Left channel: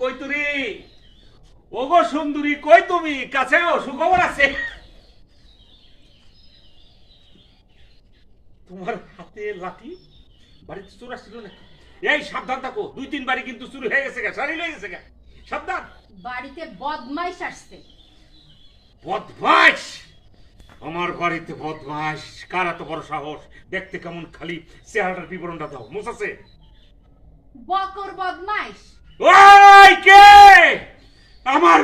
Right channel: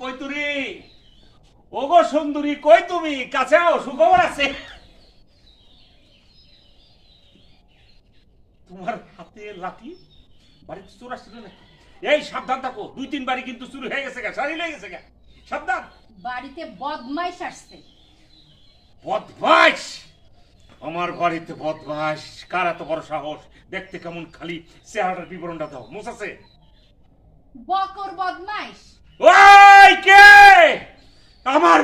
কই তুরি ওগো সুন্দরী, কই তুমি? কাছে আও, সুখবর আছে। তোমার হাতে লাঠি, বাড়িতে চোর আসছিল নাকি? এই সাবধান থাকো, 2-3 বাড়ি কিন্তু চুরি হয়ে গেছে গা, সারি লেগে গেছে গা, সাবধান। বাড়িতে বদমাইশ আসছে। বদমাইশ? আমার বাড়িতে বদমাইশ? কার এত বড় সাহস? দেখতে কেমন, খালি চেহারাটার বিবরণটা দাও। মোসাছে বকর বদমাইশ। ওই কে? আমার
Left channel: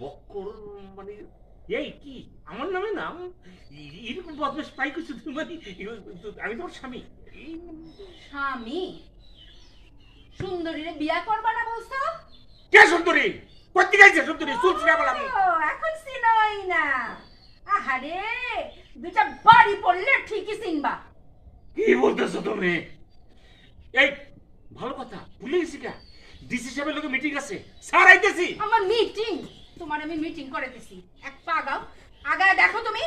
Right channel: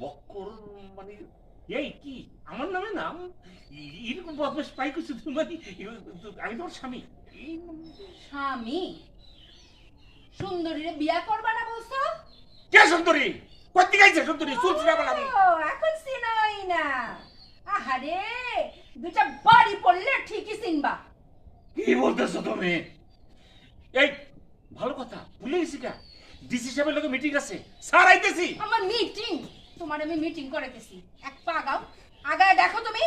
বক্কর মানে এই কি আমার নামে নাম? এরকম বদমাস পাই কিছু মানে আমি তোমার স্বামী। স্বামী? সুন্দরীরে বিয়া করবা না বলছো? কে সুন্দরী? কত গাইছে সুন্দরী? চুল ছিঁড়া বলামি। এখন চিনোই না? আহারে, দুটা বাড়ি পড়লে ঠিকই চিনবা। কি বলতেছো তুমি? এই ভালো কথা, ভুলে গেছি কা, ডিসি সাহেবের লোকে মিটিং আছে, স্যার আইতেছি। আমার মিটিং? তোমার আমি মিটিং করে দিছি। এক পা আগাও, আগায় দেখো তুমি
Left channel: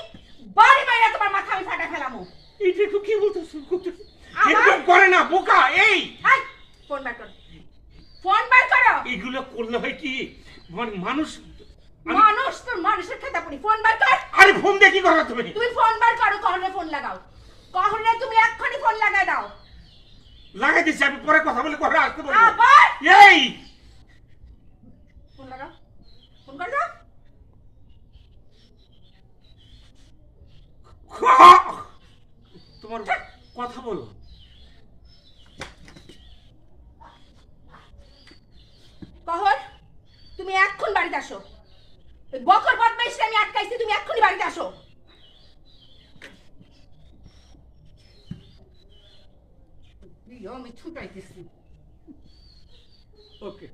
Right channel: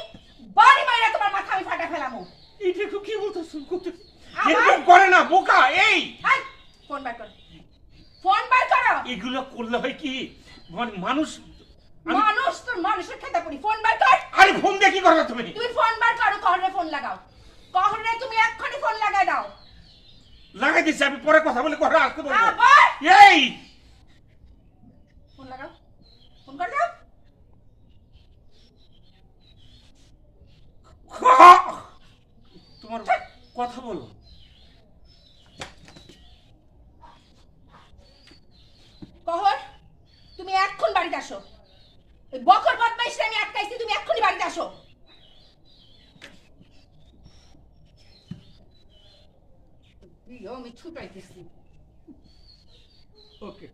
বাড়ি বাইরে তোমার মাথা আমি ফাটা ফেলামো। এই দেখো কি বলতেছো? এরকম করে না বোকা। এই ফোন বার করো, ফোন বার করো। এগুলো করলে হয় কি, মানে মানুষ মানুষ তোর মানুষের খেতা পড়ি। ফোন বার কর। আরে ফোন দিয়ে কি করবে তুমি? তুমি ফোন বার করো, কহরে ফোন লাগাও। কহরে তুমি এক্ষুনি ফোন লাগাই দাও। লাগাই দিচ্ছি, আমি পরে কথা বলে কথা আসতে বলবো। আবার এই ফোন লাগাও, ফোন কর দাও। তোমার কথা বলো। কহর, তুমি এক্ষুন বাড়িতে আসো। ওই বকর বদমাইশটা আমি আটকাইছি, তুমি এক্ষুনি বাড়িতে আসো। আমি ছুটাইতেছি। ওকে